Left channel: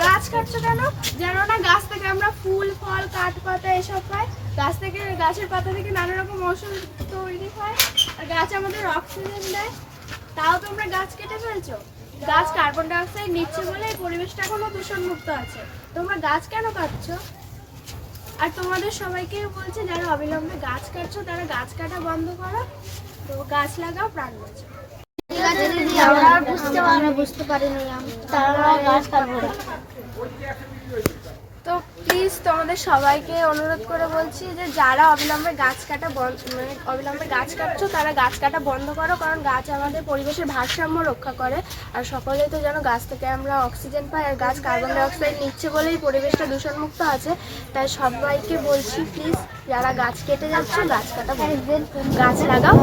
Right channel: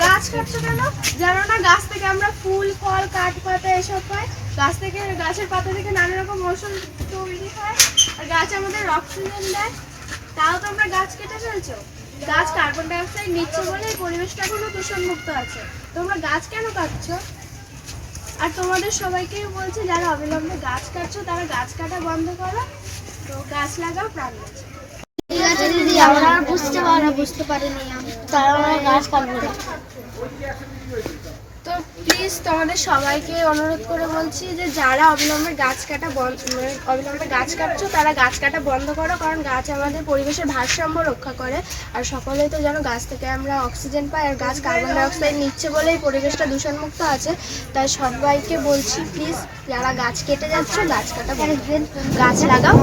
গাছ কাটছো। কেন? জানো না গাছ থেকে আমরা ফুল ফল কাঠ এসব পাই। গাছ থেকে গাছের পাতা থেকে নানা রকম তৈরি হয়। আর গাছ আমাদের অক্সিজেন দেয়। তাও তোমরা গাছ কেটে ফেলছো? গাছ কার্বন ডাইঅক্সাইড নিচ্ছে বলে এই পরিবেশটা এখনও দূষণ মুক্ত আছে। তোমরা গাছ কেন কাটছ? আর তোমাদের সবাইকে বলছে, যারা অবিলম্বে গাছ কাটছো, তারা গাছ কাটা বন্ধ করো। তো গাছ লাগাও, প্রাণ বাঁচো ঠিক আছে দিদি, আমরা বুঝতে পারিনি তারা গাছ কাটবো না। তো প্লিজ তোমাদের সবাইকে অনুরোধ করে বলছি যে যারা অবিলম্বে গাছ কাটা বন্ধ মানে অবিলম্বে গাছ কাটছো, তারা গাছ কাটা বন্ধ করো, কারণ গাছ আমাদের পরিবেশের ভারসাম্য রক্ষা করে। আর সকলেই তো যেন গাছ থেকে আমরা অক্সিজেন পাই, আর গাছ কার্বন ডাই অক্সাইড নিচ্ছে বলেই পরিবেশটা দূষণমুক্ত আছে। তাই সবাইকে বলছি প্লিজ যারা গাছ কেটে যাচ্ছে, গাছ কাটা। গাছ লাগাও